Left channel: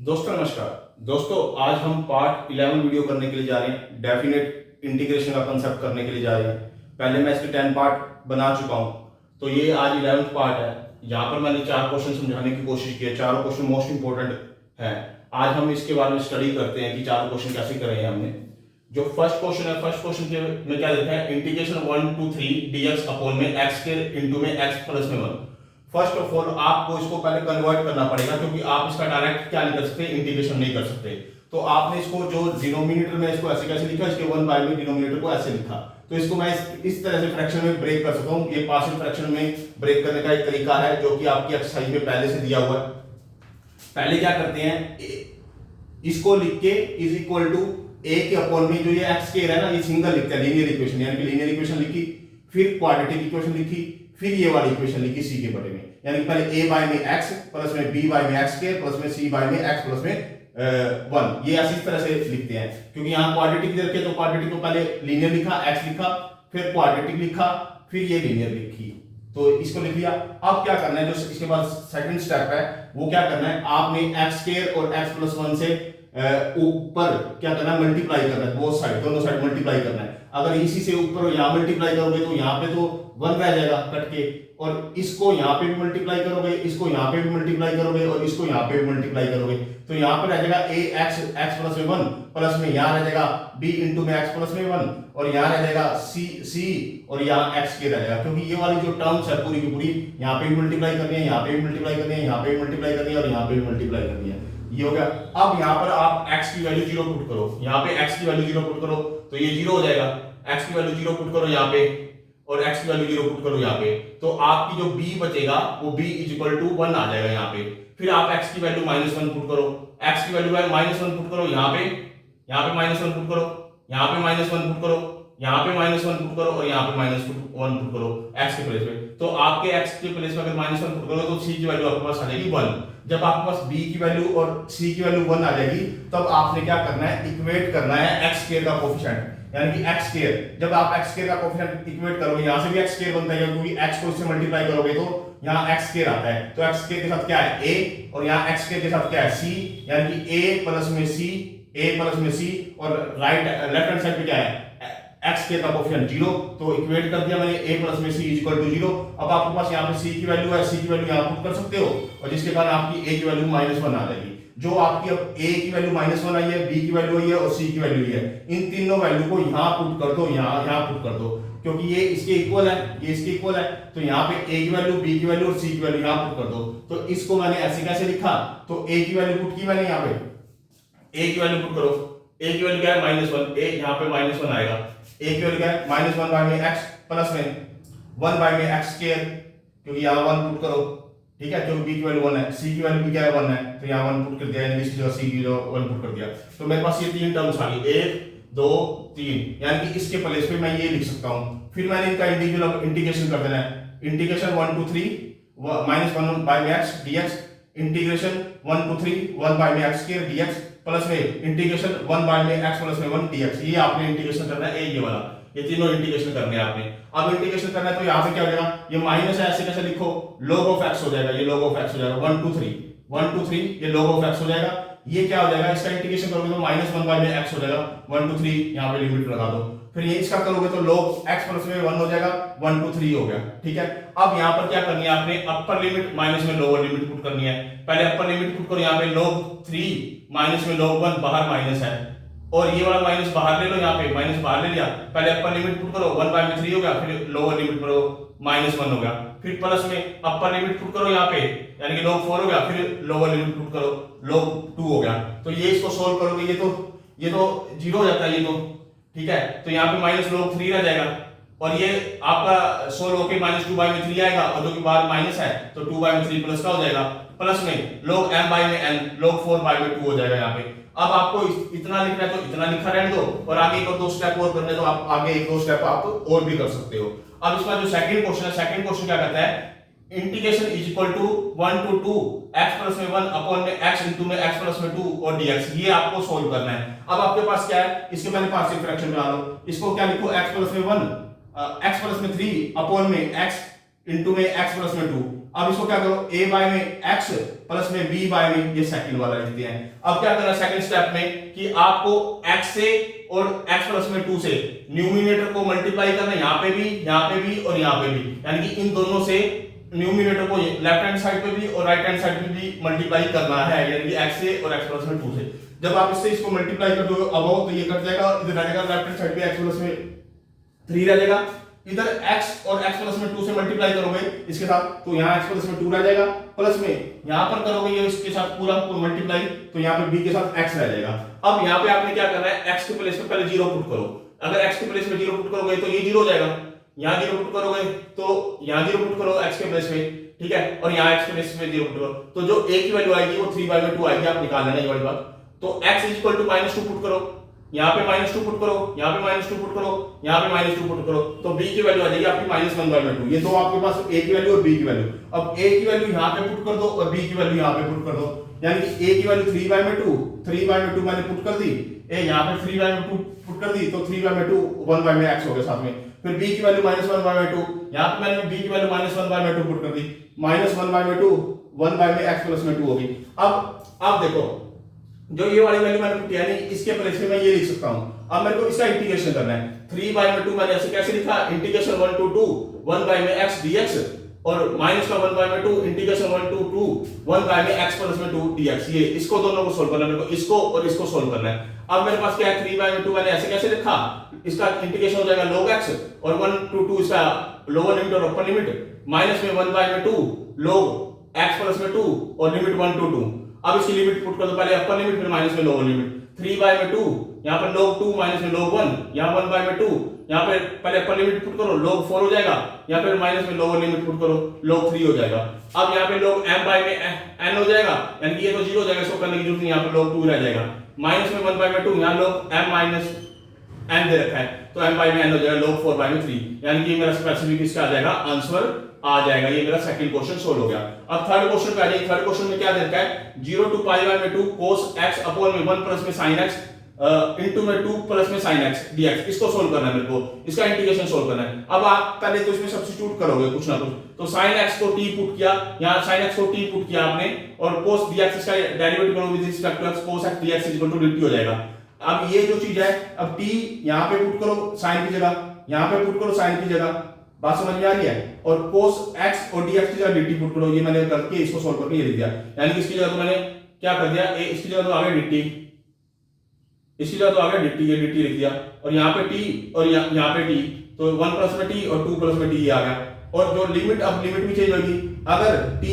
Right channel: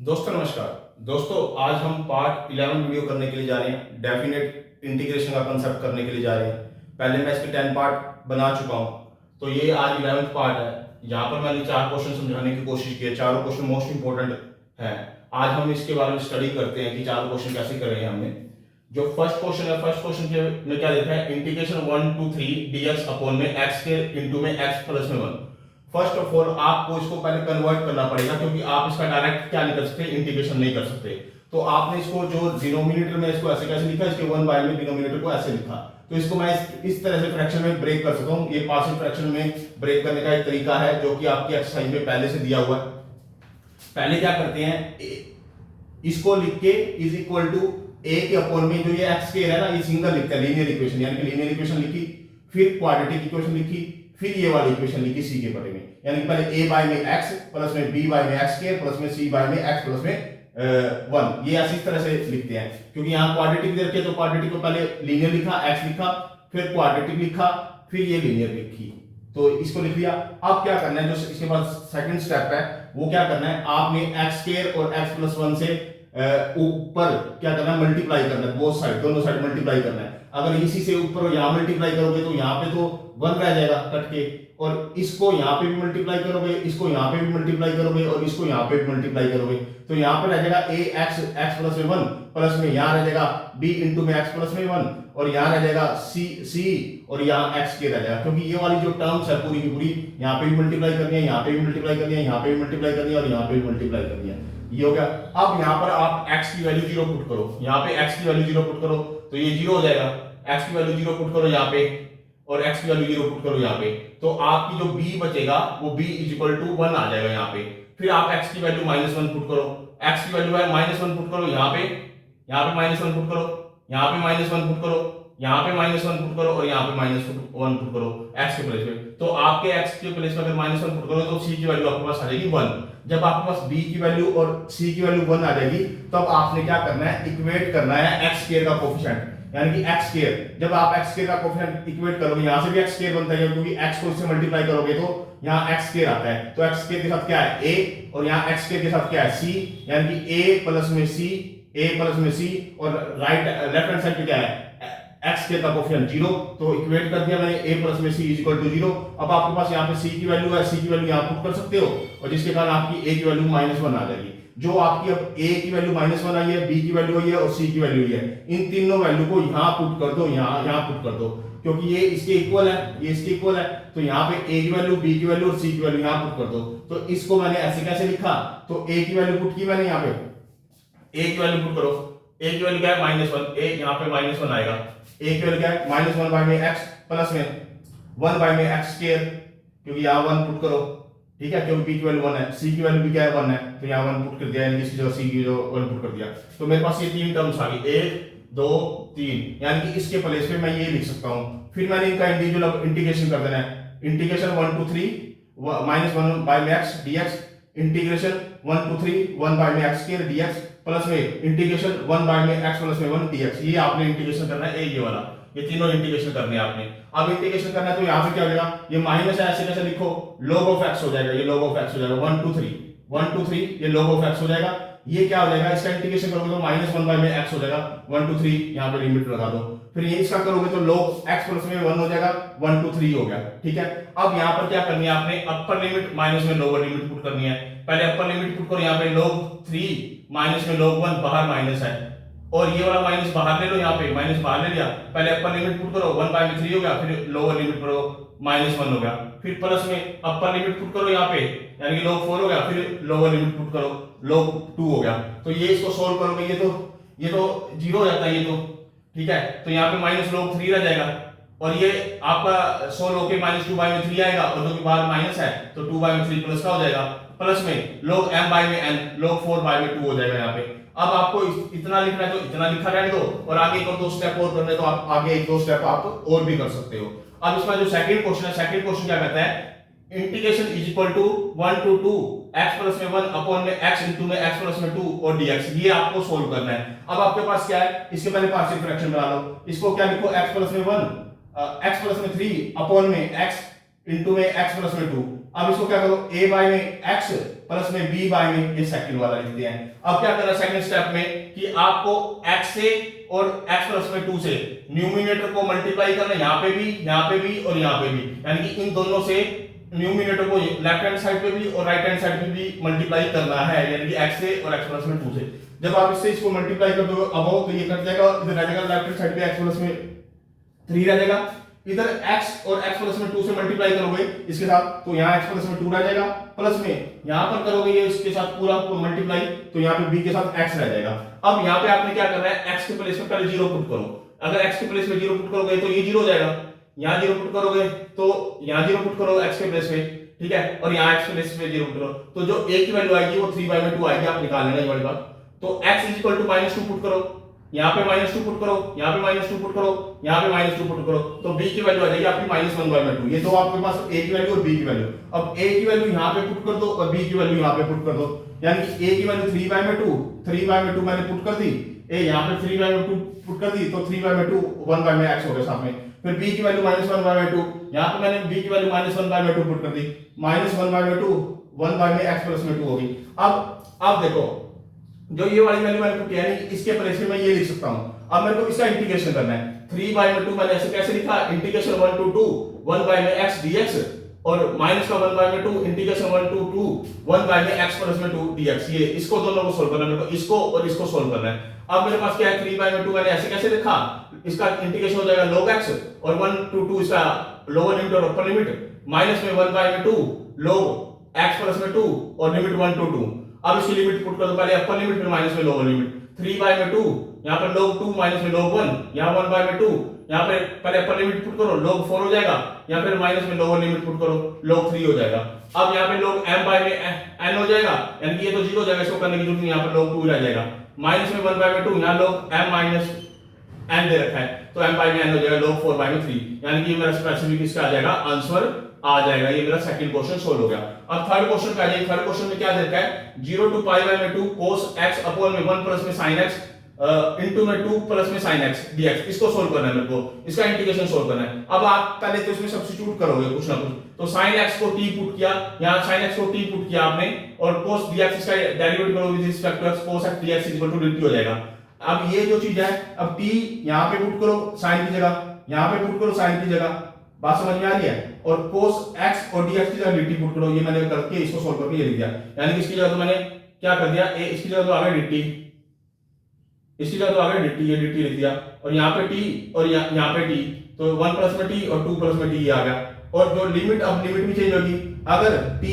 दोस्तों नमस्कार। दोस्तों आज हम पार्ट 11 वीडियो करने के लिए जा रहे हैं। डेफिनेट इंटीग्रेशन का कंसेप्ट करने के लिए जा रहे हैं। पहले मैं इसके 10 पार्ट बना चुका हूं, तो ये आज 11th पार्ट है। यहाँ पर मैंने 4 क्वेश्चन समझाने की कोशिश की है। चारों क्वेश्चन मोस्ट इंपोर्टेंट है। आज हम इसके बारे में स्टडी करते हैं कि 4 क्वेश्चन कैसे करे हमने। जो फर्स्ट क्वेश्चन है, फर्स्ट क्वेश्चन के में क्या लिखा है, इंटीग्रेशन 1 to 3 dx अपॉन में x के इंटू में x प्लस में 1। फर्स्ट ऑफ ऑल आपको इसको पहले कन्वर्ट करना पड़ेगा, क्योंकि आप इसका डायरेक्ट क्या नहीं कर सकते, इंटीग्रेशन नहीं कर सकते। तो आपने इसको जो डिनोमिनेटर में इसको ऐसे कैसे लिखा, इसके 1 बाय में डिनोमिनेटर को ऐसे लिखा। तो इसको मैं इस तरह से फ्रैक्शन में ब्रेक कर सकता हूँ। ये पार्शियल फ्रैक्शन में ब्रेक करने का एक तरीका है जो कि आपकी एक्सरसाइज में पहले से दिया हुआ है। पहले क्या करते हैं, इसको लिख के इज इक्वल टू ए के अपॉन में जो ये एक्स स्क्वायर है ना, ये सिंगल लिखता है, लीनियर इक्वेशन, यानी कि लीनियर इक्वेशन लिखी, फिर क्वाड्रेटिक इक्वेशन लिखी, फिर ये वाली इक्वेशन लिखी सी के बारे में, यानी कि पहले a बाय में x प्लस में b बाय में x स्क्वायर प्लस में c बाय में x प्लस में 1। ये ऐसी तरह से लिखते हैं, क्योंकि यहाँ क्वाड्रेटिक दे रखे तो क्वाड्रेटिक को पहले लीनियर लिखा, x लिखा, फिर क्वाड्रेटिक लिखा, फिर ये लीनियर लिखी, तो इसको लिख लिया। अब क्या करना है, जो इसके बाद सेकंड स्टेप है वो क्या करना है, आपने x स्क्वायर और x प्लस 1 से ऊपर क्या करना है, मल्टीप्लाई करना है, बोथ साइड, दोनों साइड मल्टीप्लाई करना है। अगर इसी से ऊपर यहाँ मल्टीप्लाई करोगे तो यहाँ पे तो 1 रह जाएगा कट के, और इसको यहाँ पे भी मल्टीप्लाई करोगे, इसको यहाँ पे भी मल्टीप्लाई करोगे, और इसको यहाँ पे भी मल्टीप्लाई करोगे, तो यहाँ पे रह जाएगा a x प्लस में 1 प्लस में यहाँ रह जाएगा b इंटू में x प्लस में 1, और यहाँ रह जाएगा c और यहाँ x के रह जाएगा, क्योंकि ये वाली जो टर्म्स है पूरी की पूरी यहाँ पे भी मल्टीप्लाई करनी है, यहाँ पे भी मल्टीप्लाई करनी है, यहाँ पे भी मल्टीप्लाई करनी है, और यहाँ पे भी मल्टीप्लाई करनी है। ये हो गया। अब यहाँ पर आप x की वैल्यू 0 पुट करो, यहाँ पे x की वैल्यू 0 पुट करो तो ये 0 हो जाएगा। x की वैल्यू 0 पुट करो यहाँ पे, और x की वैल्यू 0 पुट करो यहाँ पे, तो आपकी जो b बचेगा वो b इज इक्वल टू 1 आ जाएगा यहाँ पे। फिर आप x की वैल्यू -1 पुट करो, x की वैल्यू -1 पुट करो यहाँ पे, यहाँ पे -1 पुट करो, यहाँ पे -1 पुट करो, यहाँ पे -1 पुट करो, और यहाँ पे -1 पुट करो x के प्लेस पे। तो आपके x के प्लेस पे अगर -1 पुट करो तो c की वैल्यू आपके पास आ जाएगी 1। जब आपके पास b की वैल्यू और c की वैल्यू 1 आ जाएगी, तब आपने क्या करना है, इक्वेट करना है x स्क्वायर का कोफिशिएंट, यानी कि x स्क्वायर। जब आप x स्क्वायर का कोफिशिएंट इक्वेट करोगे, यहां से भी x स्क्वायर बनता है, क्योंकि x को इससे मल्टीप्लाई करोगे तो यहाँ x स्क्वायर आता है, तो x स्क्वायर के साथ क्या है a, और यहाँ x स्क्वायर के साथ क्या है c, यानी कि a प्लस में c, और राइट लेफ्ट हैंड साइड पे क्या है x के का कोफिशिएंट 0, तो इक्वेट कर दिया मैंने a प्लस में c इज इक्वल टू 0। अब आपके पास यहाँ पे c की वैल्यू है, c की वैल्यू यहाँ पुट कर सकते हो, और जिसके कारण आपकी a की वैल्यू -1 आ जाएगी। जो आपकी अब a की वैल्यू -1 आई है, b की वैल्यू आई है, और c की वैल्यू आई है, इन तीनों वैल्यू को यहाँ पुट कर दो, यहाँ पुट कर दो, क्योंकि ये इसके इक्वल है, ये इसके इक्वल है, तो यहाँ पे a की वैल्यू, b की वैल्यू और c की वैल्यू यहाँ पुट कर दो। तो इसको मैंने ऐसे कैसे लिखा, तो a की वैल्यू पुट की मैंने यहाँ पे, a की वैल्यू पुट करो, a की वैल्यू क्या है -1, a यहाँ पे -1 आएगा, a की वैल्यू क्या है -1 बाय में x प्लस में 1 बाय में x स्क्वायर, क्योंकि यहाँ 1 पुट करो, ठीक है, क्योंकि b की वैल्यू 1 है, c की वैल्यू भी क्या है 1 है, तो यहाँ 1 पुट कर दिया, यानी कि c की जो 1 पुट कर दिया, तो मेरे पास ये तीन टर्म्स आ गई, 1 2 3, यानी कि इसके प्लेस पे मैं ये लिख सकता हूँ। फिर मैंने इनका इंडिविजुअल इंटीग्रेशन कर देना है, इंटीग्रेशन 1 to 3 -1 बाय में x dx, integration 1 to 3 1 by में x स्क्वायर dx, प्लस में इंटीग्रेशन 1 बाय में x प्लस में 1 dx। ये आपने इंटीग्रेशन करना है, ये वाला, ये तीनों इंटीग्रेशन करने हैं आपने। अब इंटीग्रेशन करना है तो यहाँ पे क्या हो जाएगा, ये माइनस है, ऐसे कैसे लिखो, log ऑफ x हो जाएगा, ये log ऑफ x हो जाएगा, 1 to 3 ये log ऑफ x हो जाएगा। ये क्या हो जाएगा, इसका इंटीग्रेशन करोगे तो -1 बाय में x हो जाएगा, 1 to 3 यहाँ पे लिमिट लगा दो, फिर ये इसका करोगे तो log x प्लस में 1 हो जाएगा, 1 to 3 हो गया, ठीक है। अब यहाँ पर क्या करनी है, आपने अपर लिमिट माइनस में लोअर लिमिट पुट करनी है। पहले अपर लिमिट पुट करो, यहाँ पे log 3 माइनस में log 1, बाहर माइनस है, और ये वाला माइनस बाहर ले लो, यहाँ पे माइनस बाहर ले लिया, पहले अपर लिमिट पुट करो 1 बाय में 3 हो गया, फिर लोअर लिमिट करो -1 हो गया, फिर प्लस में अपर लिमिट पुट करो यहाँ पे, यानी कि log 4 हो गया, फिर लोअर लिमिट पुट करो log 2 हो गया। तो ये इसको सोल्व करोगे, ये तो 0 हो जाता है, ये तो ठीक है, तो यहाँ पे -log 3 रह जाएगा, और ये आपका सोल्व होके -2 बाय में 3 आएगा, और जो कि बाहर माइनस है तो 2 बाय में 3 प्लस का हो जाएगा, प्लस में log m बाय में n, log 4 बाय में 2 हो जाएगा यहाँ पे। अब आपको इतना लिखना है तो इतना लिखा रहने दो, और आगे एक और 2 स्टेप और करने तो आप आगे 1-2 स्टेप आप और भी कर सकते हो। अब इसमें जो सेकंड क्वेश्चन है, सेकंड क्वेश्चन क्या कहता है, integration is equal to 1 to 2 x plus में 1 अपॉन में x इंटू में x प्लस में 2 और dx, ये आपको सोल्व करना है। अब आपके पास क्या है, इसके पहले पार्शियल फ्रैक्शन बना लो, इसको क्या लिखो, x प्लस में 1 x प्लस में 3 अपॉन में x इंटू में x प्लस में 2। अब इसको क्या करो, a बाय में x प्लस में b बाय में, ये सेकंड वाला लिख दिया है। अब क्या करना सेकंड स्टेप में कि आपको x से और x प्लस में 2 से न्यूमिनेटर को मल्टीप्लाई करना, यहाँ पे भी और यहाँ पे भी, यानी कि इन दोनों से न्यूमिनेटर को लेफ्ट हैंड साइड पे भी और राइट हैंड साइड पे भी मल्टीप्लाई करना है, यानी कि x से और x प्लस में 2 से। जब आप इससे इसको मल्टीप्लाई कर दोगे अब तो ये कट जाएगा, इधर रह जाएगा लेफ्ट हैंड साइड पे x प्लस में 3 रह जाएगा, इधर x और x प्लस में 2 से मल्टीप्लाई करोगे इसके साथ तो यहाँ x प्लस में 2 रह जाएगा, प्लस में यहाँ पर करोगे ये इसके साथ पूरा मल्टीप्लाई तो यहाँ पे b के साथ x रह जाएगा। अब यहाँ पे आपने क्या करना है, x के प्लेस में पहले 0 पुट करो। अगर x के प्लेस में 0 पुट करोगे तो ये 0 हो जाएगा, यहाँ 0 पुट करोगे तो यहाँ 0 पुट करो x के प्लेस में, ठीक है, और यहाँ x के प्लेस में 0 पुट करो तो जो a की वैल्यू आएगी वो 3/2 आएगी, आप निकाल लेना ये वाली बात। तो x -2 पुट करो, यहाँ पे -2 पुट करो, यहाँ पे -2 पुट करो, यहाँ पे -2 पुट करो तो b की वैल्यू आ जाएगी आपकी -1/2। ये तो आपके पास a की वैल्यू और b की वैल्यू। अब a की वैल्यू यहाँ पे पुट कर दो और b की वैल्यू यहाँ पे पुट कर दो, यानी कि a की वैल्यू 3/2 मैंने पुट कर दी, a यहाँ पे 3/2 पुट कर दी तो 3/2 1/x हो गया साथ में। फिर b की वैल्यू -1/2, यहाँ पे मैंने b की वैल्यू -1/2 पुट कर दी, -1/2 1/x प्लस में 2 होगी। अब देखो जो ये वाली वैल्यू मैंने पुट किया नहीं, इसके प्लेस में मैं ये लिख सकता हूं। अब मेरे को इसका इंटीग्रेशन करना है, 3/2 मैंने ऐसे कैसे लिखा, इंटीग्रेशन 1 to 2 1/x dx और माइनस का 1/2 इंटीग्रेशन 1 to 2 1/x प्लस में 2 dx। ये इसको दोनों को सोल्व करना है, मेरे को इसको और इसको सोल्व करना है। अब मेरे पास क्या है, 3/2 मैंने ऐसे कैसे लिखा, इसका इंटीग्रेशन हो जाएगा log x और 1 to 2 इसका लोअर लिमिट और अपर लिमिट, माइनस में 1/2 log x प्लस में 2 और लिमिट 1 to 2। अब इसकी लिमिट पुट कर दो, पहले अपर लिमिट फिर माइनस में लोअर लिमिट, 3/2 यहाँ पर log 2 माइनस में log 1, यहाँ 1/2 यहाँ पे पहले अपर लिमिट पुट करो log 4 हो जाएगा, यहाँ फिर माइनस में लोअर लिमिट पुट करो log 3 हो जाएगा। अब यहाँ पे log m बाय में n हो जाएगा, यानी कि ये तो 0 हो जाएगा, इसको करने की जरूरत नहीं, यहाँ पे log 2 रह जाएगा, माइनस में 1/2 यहाँ log m माइनस n दे रखा है तो m बाय में n हो जाएगा log 4/3, यानी कि मेरा स्पेसिफिक इसका आ जाएगा आंसर आ जाएगा। ये मेरा सेकंड क्वेश्चन सोल्व हो गया। अब थर्ड क्वेश्चन पे आ जाइए। थर्ड क्वेश्चन में क्या दे रखा है, 0 to π/2 cos x अपॉन में 1 प्लस में sin x इनटू में 2 प्लस में sin x dx। इसको सोल्व करना है मेरे को, इसका इंटीग्रेशन सोल्व करना है। अब आप पहले तो इसमें सब्स्टिट्यूट करोगे कुछ ना कुछ, तो sin x को t पुट किया, यहां sin x को t पुट किया आपने और cos dx इसका डेरिवेटिव करोगे with respect to x, cos x dx dt हो जाएगा। अब ये जो चीज है, अब t यहां पे पुट करो sin की जगह, यहां पे पुट करो sin की जगह, बात समझ में आ रही है, और cos x और dx की जगह dt पुट करो। ये मैंने करके इसको सॉल्व करके ये लिख दिया, यानी कि इसकी जगह तो मैंने क्या कर दिया, इसकी जगह तो आ गया dt, इसकी जगह तो आ गया dt, ये dt लिख दिया, और यहाँ पे t और यहाँ पे t, तो 1 प्लस में t और 2 प्लस में t आ गया। और जो लिमिट, अब लिमिट भी चेंज होगी, अगर t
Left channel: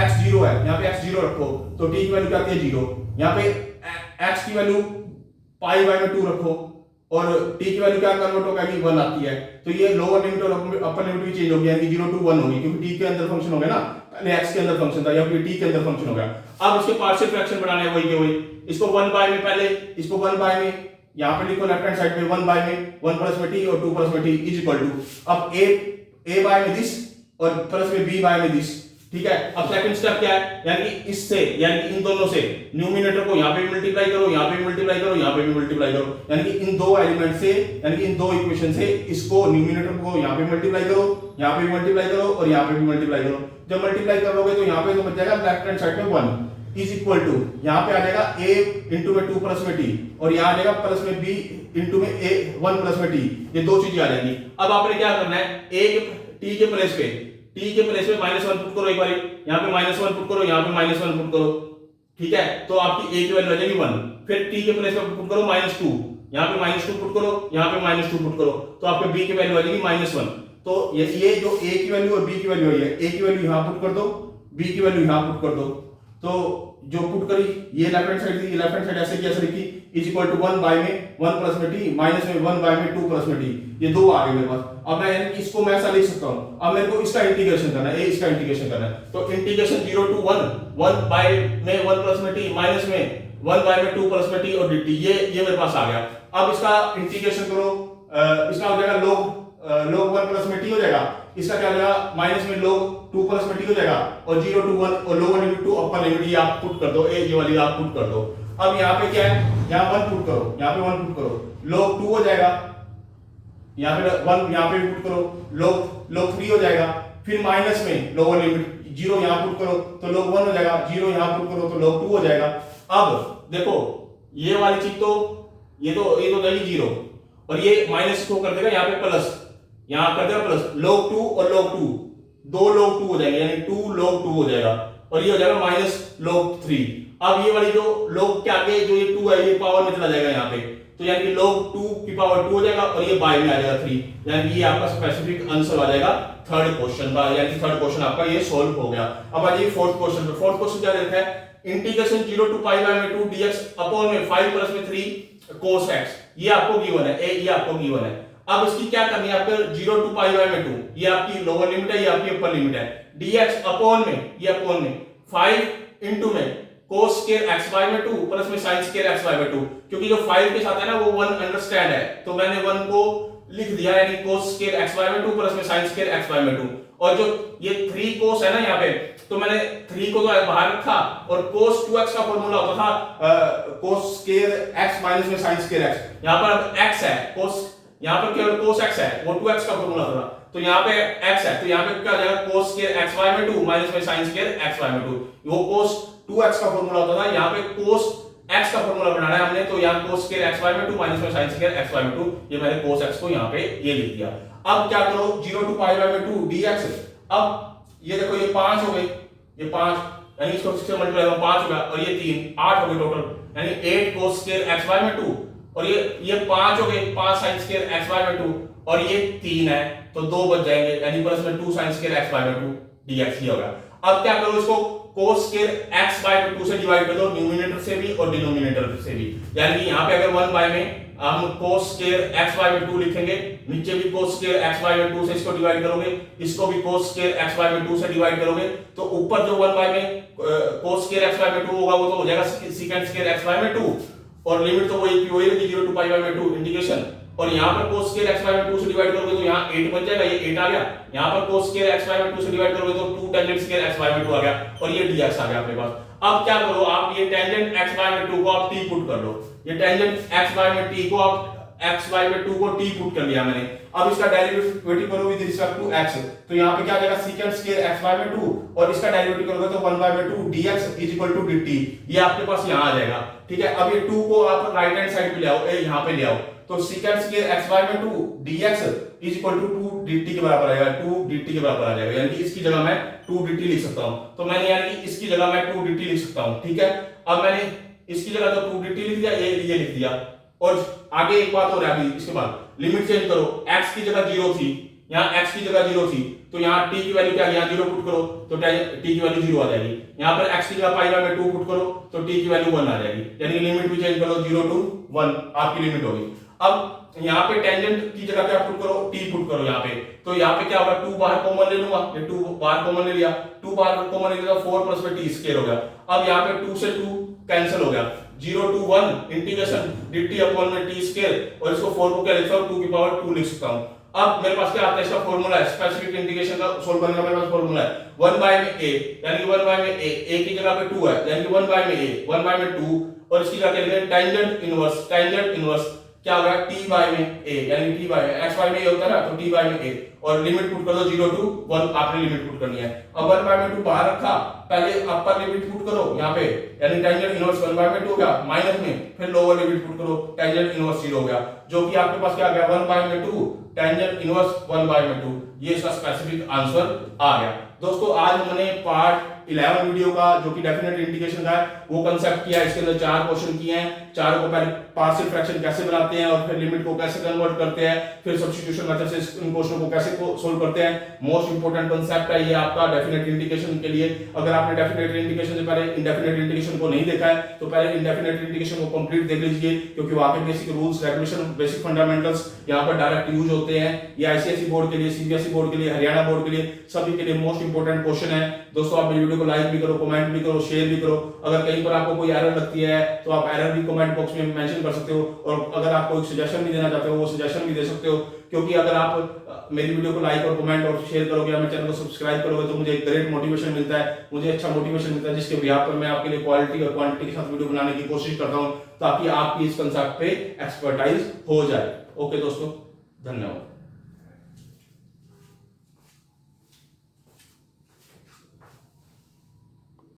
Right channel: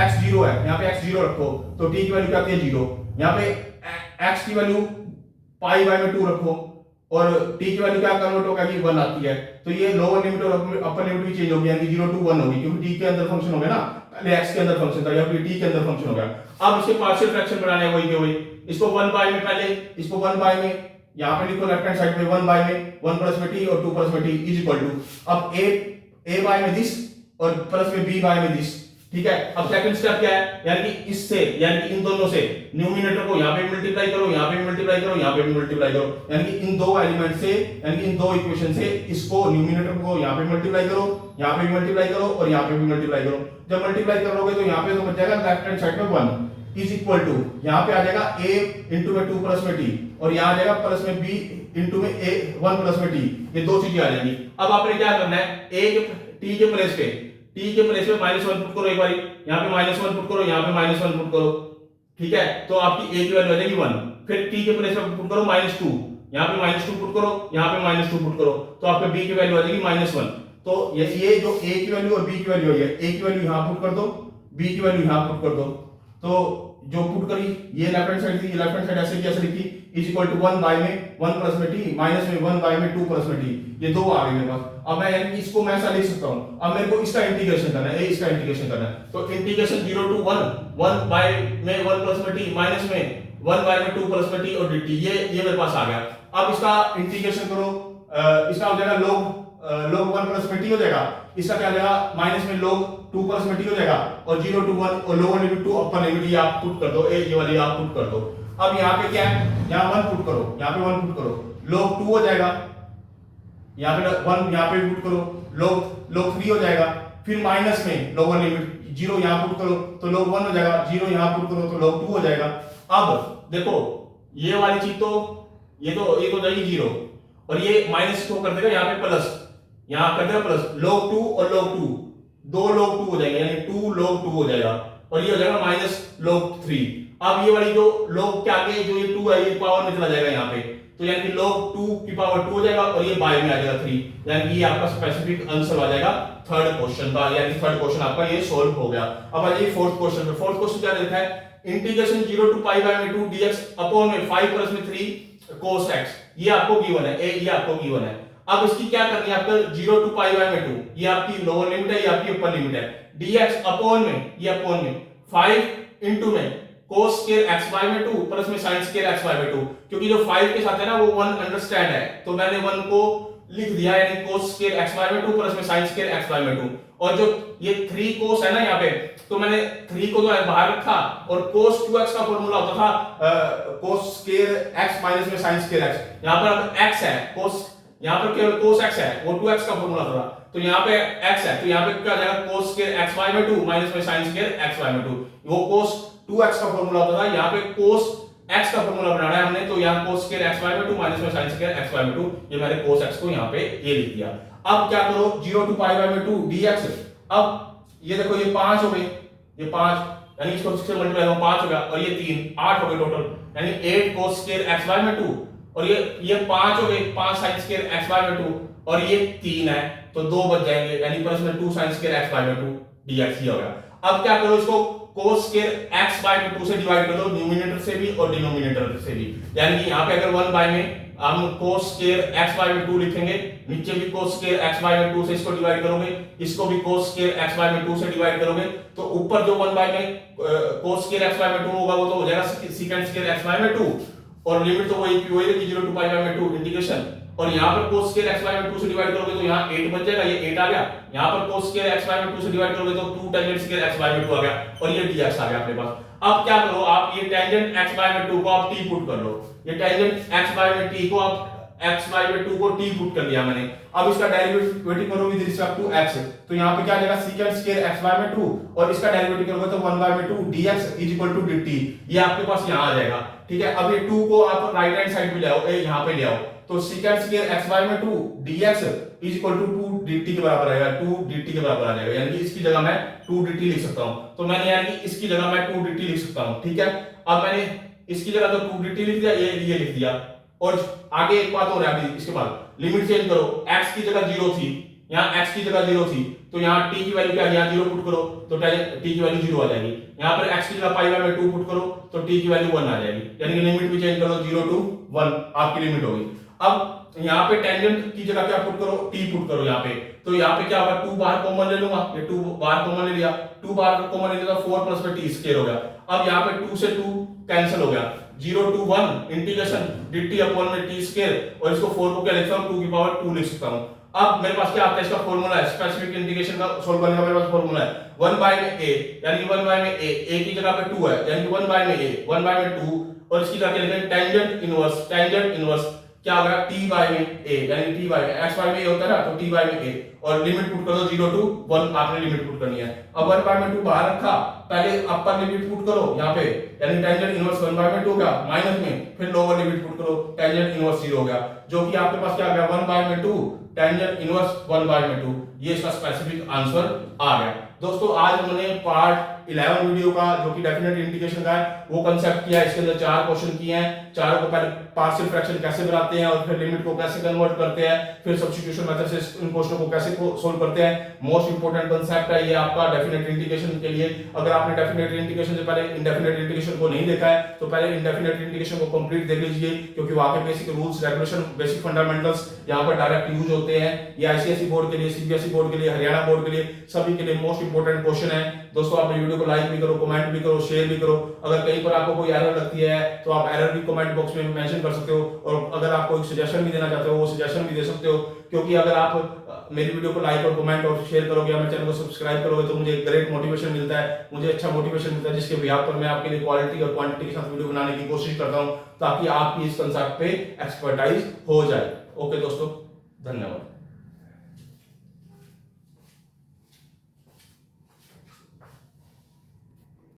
x 0 है, यहाँ पे x 0 रखो तो t की वैल्यू क्या आती है 0, यहाँ पे x की वैल्यू π/2 रखो और t की वैल्यू क्या कन्वर्ट होगा कि 1 आती है, तो ये लोअर लिमिट और अपर लिमिट भी चेंज हो गया, यानी 0 to 1 होगी, क्योंकि t के अंदर फंक्शन हो गया ना, पहले x के अंदर फंक्शन था, या फिर t के अंदर फंक्शन हो गया। अब इसके पार्शियल फ्रैक्शन बनाने हैं वही के वही, इसको 1 बाय में, पहले इसको 1 बाय में यहां पे लिखो लेफ्ट हैंड साइड पे 1 बाय में 1 प्लस में t और 2 प्लस में t इज इक्वल टू, अब a बाय में दिस और प्लस में b बाय में दिस, ठीक है। अब सेकंड स्टेप क्या है, यानी कि इससे, यानी कि इन दोनों से न्यूमिनेटर को यहाँ पे मल्टीप्लाई करो, यहाँ पे भी मल्टीप्लाई करो, यहाँ पे भी मल्टीप्लाई करो, यानी कि इन दो एलिमेंट से, यानी कि इन दो इक्वेशन से इसको न्यूमिनेटर को यहाँ पे मल्टीप्लाई करो, यहाँ पे भी मल्टीप्लाई करो और यहाँ पे भी मल्टीप्लाई करो। जब मल्टीप्लाई करोगे तो यहाँ पे तो बच जाएगा लेफ्ट हैंड साइड में 1 इज इक्वल टू, यहाँ पे आ जाएगा a इंटू में 2 प्लस में t और यहाँ आ जाएगा प्लस में b इंटू में a 1 प्लस में t, ये दो चीजें आ जाएंगी। अब आपने क्या करना है, t के प्लेस पे -1 पुट करो, एक बार यहाँ पे -1 पुट करो, यहाँ पे -1 पुट करो, ठीक है, तो आपकी a की वैल्यू आ जाएगी 1। फिर t के प्लेस पे पुट करो -2, यहाँ पे -2 पुट करो, यहाँ पे -2 पुट करो, तो आपके b की वैल्यू आ जाएगी -1। तो ये जो a की वैल्यू और b की वैल्यू है, a की वैल्यू यहाँ पुट कर दो, b की वैल्यू यहाँ पुट कर दो, तो जो पुट करी ये लेफ्ट हैंड साइड थी, ये लेफ्ट हैंड साइड ऐसे कैसे लिखी, इज इक्वल टू 1 बाय में 1 प्लस में t माइनस में 1 बाय में 2 प्लस में t, ये दो आ गए मेरे पास। अब मैं यानी कि इसको मैं ऐसा लिख सकता हूं, अब मेरे को इसका इंटीग्रेशन करना है, इसका इंटीग्रेशन करना है, तो इंटीग्रेशन 0 to 1 बाय में 1 प्लस में t माइनस में 1 बाय में 2 प्लस में t और dt, ये मेरे पास आ गया। अब इसका इंटीग्रेशन करो, इसका हो जाएगा log 1 प्लस में t हो जाएगा, इसका क्या हो जाएगा माइनस में log 2 प्लस में t हो जाएगा, और 0 to 1 और lower limit to upper limit ये आप पुट कर दो, ये वाली आप पुट कर दो। अब यहाँ पे क्या है, यहाँ 1 पुट करो, यहाँ पे 1 पुट करो, log 2 हो जाएगा, यहाँ पे 1 यहाँ पे पुट करो, log 3 हो जाएगा, फिर माइनस में लोअर लिमिट 0 यहां पुट करो तो log 1 हो जाएगा, 0 यहां पुट करो तो log 2 हो जाएगा। अब देखो ये वाली चीज तो ये तो हो जाएगी 0 और ये माइनस को कर देगा यहाँ पे प्लस, यहां कर देगा प्लस, log 2 और log 2 दो log 2 हो जाएंगे यानी 2 log 2 हो जाएगा और ये हो जाएगा माइनस log 3। अब ये वाली जो log के आगे जो ये 2 है ये पावर में चला जाएगा यहाँ पे, तो यानी कि log 2 की पावर 2 हो जाएगा और ये बाय में आ जाएगा 3, यानी कि ये आपका स्पेसिफिक आंसर आ जाएगा थर्ड क्वेश्चन का, यानी कि थर्ड क्वेश्चन आपका ये सोल्व हो गया। अब आ जाइए फोर्थ क्वेश्चन पे। फोर्थ क्वेश्चन क्या लिखा है, इंटीग्रेशन 0 टू पाई बाय में 2 dx अपॉन में 5 प्लस में 3 cos x, ये आपको गिवन है, ये आपको गिवन है। अब इसकी क्या करनी है आपको, 0 टू पाई बाय में 2, ये आपकी लोअर लिमिट है, ये आपकी अपर लिमिट है, dx अपॉन में, ये अपॉन में 5 इनटू में cos स्क्वायर xy में 2 प्लस में sin स्क्वायर xy में 2, क्योंकि जो 5 के साथ है ना वो 1 अंडरस्टैंड है तो मैंने 1 को लिख दिया, यानी cos स्क्वायर xy में 2 प्लस में sin स्क्वायर xy में 2, और जो ये 3 cos है ना यहाँ पे, तो मैंने 3 को तो बाहर रखा और cos 2x का फॉर्मूला होता था cos स्क्वायर x माइनस में sin स्क्वायर x, यहाँ पर अब x है, cos यहाँ पर केवल cos x है, वो 2x का फॉर्मूला था, तो यहाँ पे x है तो यहाँ पे क्या आ जाएगा cos स्क्वायर xy में 2 माइनस में sin स्क्वायर xy में 2, वो cos 2x का फॉर्मूला होता था, यहाँ पे cos x का फॉर्मूला बनाना है हमने, तो यहाँ cos स्क्वायर xy में 2 माइनस में sin स्क्वायर xy में 2, ये मैंने cos x को यहाँ पे ये लिख दिया। अब क्या करो, 0 टू पाई बाय में 2 dx, अब ये देखो ये 5 हो गए, ये 5 यानी इसको 6 से मल्टीप्लाई करो 5 हो गया और ये 3 8 हो गए टोटल, यानी 8 cos स्क्वायर xy में 2 और ये 5 हो गए 5 sin स्क्वायर xy में 2 और ये 3 है तो 2 बच जाएंगे, यानी प्लस में 2 sin स्क्वायर xy में 2 dx ये हो गया। अब क्या करो, इसको cos स्क्वायर x बाय 2 से डिवाइड कर दो, न्यूमरेटर से भी और डिनोमिनेटर से भी, यानी कि यहाँ पे अगर 1 बाय में हम cos स्क्वायर x बाय में 2 लिखेंगे, नीचे भी cos स्क्वायर x बाय में 2 से इसको डिवाइड करोगे, इसको भी cos स्क्वायर x बाय में 2 से डिवाइड करोगे, तो ऊपर जो 1 बाय में cos स्क्वायर x बाय में 2 होगा वो तो हो जाएगा secant स्क्वायर x बाय में 2 और लिमिट तो वही रहेगी 0 टू पाई बाय में 2 इंटीग्रेशन, और यहाँ पर cos स्क्वायर x बाय में 2 से डिवाइड करोगे तो यहाँ 8 बन जाएगा, ये 8 आ गया, यहाँ पर cos स्क्वायर x बाय में 2 से डिवाइड करोगे तो 2 टेंजेंट स्क्वायर x बाय में 2 आ गया और ये dx आ गया अपने पास। अब क्या करो, आप ये टेंजेंट x बाय में 2 को आप t पुट कर लो, ये टेंजेंट x बाय में t को आप x बाय में 2 को t पुट कर लिया मैंने। अब इसका डेरिवेटिव करो विद रिस्पेक्ट टू x, तो यहाँ पे क्या आ जाएगा secant स्क्वायर x बाय में 2 और इसका डेरिवेटिव करोगे तो 1 बाय में 2 dx is equal to dt, ये आपके पास यहाँ आ जाएगा, ठीक है। अब ये 2 को आप राइट हैंड साइड पे ले आओ, यहाँ पे ले आओ, तो secant स्क्वायर x बाय में 2 dx is equal to 2 dt के बराबर आएगा, 2 dt के बराबर आ जाएगा, यानी कि इसकी जगह मैं 2 dt लिख सकता हूं, तो मैंने यानी कि इसकी जगह मैं 2 dt लिख सकता हूं, ठीक है। अब मैंने इसकी जगह तो 2 dt लिख दिया, ये लिख दिया, और आगे एक बात हो रहा है अभी इसके बाद लिमिट चेंज करो, x की जगह 0 थी, यहाँ x की जगह 0 थी तो यहाँ t की वैल्यू क्या, यहाँ 0 पुट करो तो t की वैल्यू 0 आ जाएगी, यहाँ पर x की जगह पाई बाय में 2 पुट करो तो t की वैल्यू 1 आ जाएगी, यानी कि लिमिट भी चेंज करो 0 टू 1 आपकी लिमिट होगी। अब यहाँ पे टेंजेंट की जगह क्या पुट करो, t पुट करो यहाँ पे, तो यहाँ पे क्या होगा 2 बाहर कॉमन ले लूंगा, ये 2 बाहर कॉमन ले लिया, 2 बाहर कॉमन ले लिया तो 4 प्लस में t स्क्वायर हो गया। अब यहाँ पे 2 से 2 कैंसिल हो गया, 0 टू 1 इंटीग्रेशन dt अपॉन में t स्क्वायर, और इसको 4 को क्या लिखता हूँ 2 की पावर 2 लिख सकता हूँ। अब मेरे पास क्या आता है, इसका फॉर्मूला है, स्पेसिफिक इंटीग्रेशन का सोल्व करने का मेरे पास फॉर्मूला है 1 बाय में a, यानी 1 बाय में a की जगह पे 2 है, यानी कि 1 बाय में a 1 बाय में 2, और इसकी जगह लिखेंगे टेंजेंट इनवर्स क्या होगा t बाय में a, यानी t बाय में x बाय में a होता है ना, तो t बाय में a, और लिमिट पुट कर दो 0 टू 1 आपने लिमिट पुट करनी है। अब 1 बाय में 2 बाहर रखा, पहले अपर लिमिट पुट करो यहाँ पे, यानी टेंजेंट इनवर्स 1 बाय में 2 हो गया, माइनस में फिर लोअर लिमिट पुट करो, टेंजेंट इनवर्स 0 हो गया, जो कि आपके पास क्या आ गया 1 बाय में 2 टेंजेंट इनवर्स 1 बाय में 2, ये इसका स्पेसिफिक आंसर आ गया। दोस्तों आज हमने पार्ट 11 वीडियो का जो कि डेफिनेट इंटीग्रेशन का है वो कंसेप्ट किया, इसके अंदर 4 क्वेश्चन किए हैं, चारों को पहले पार्शियल फ्रैक्शन कैसे बनाते हैं और फिर लिमिट को कैसे कन्वर्ट करते हैं, फिर सब्स्टिट्यूशन मेथड से इन क्वेश्चनों को कैसे सोल्व करते हैं। मोस्ट इंपोर्टेंट कंसेप्ट है ये आपका डेफिनेट इंटीग्रेशन के लिए। अगर आपने डेफिनेट इंटीग्रेशन से पहले इंडेफिनेट इंटीग्रेशन को नहीं देखा है तो पहले इंडेफिनेट इंटीग्रेशन को कंप्लीट देख लीजिए, क्योंकि वहां पे basic rules regulation basic fundamentals यहाँ पर डायरेक्ट यूज होते हैं। ये आईसीएसई बोर्ड के लिए, सीबीएसई बोर्ड के लिए, हरियाणा बोर्ड के लिए, सभी के लिए मोस्ट इंपोर्टेंट क्वेश्चन है। दोस्तों आप वीडियो को लाइक भी करो, कमेंट भी करो, शेयर भी करो। अगर कहीं पर आपको कोई एरर लगती है तो आप एरर भी कमेंट बॉक्स में मेंशन कर सकते हो, और अगर आप कोई सजेशन भी देना चाहते हो वो सजेशन भी दे सकते हो, क्योंकि अगर आप मेरी वीडियो को लाइक और कमेंट और शेयर करोगे या मेरे चैनल को सब्सक्राइब करोगे तो मुझे एक ग्रेट मोटिवेशन मिलता है, मुझे अच्छा मोटिवेशन मिलता है, जिसके बिहाफ पर मैं आपके लिए क्वालिटी और क्वांटिटी के साथ वीडियो बनाने की कोशिश करता हूं ताकि आपकी इस कंसेप्ट पे एक्सपर्टाइज हो जाए। ओके दोस्तों, धन्यवाद।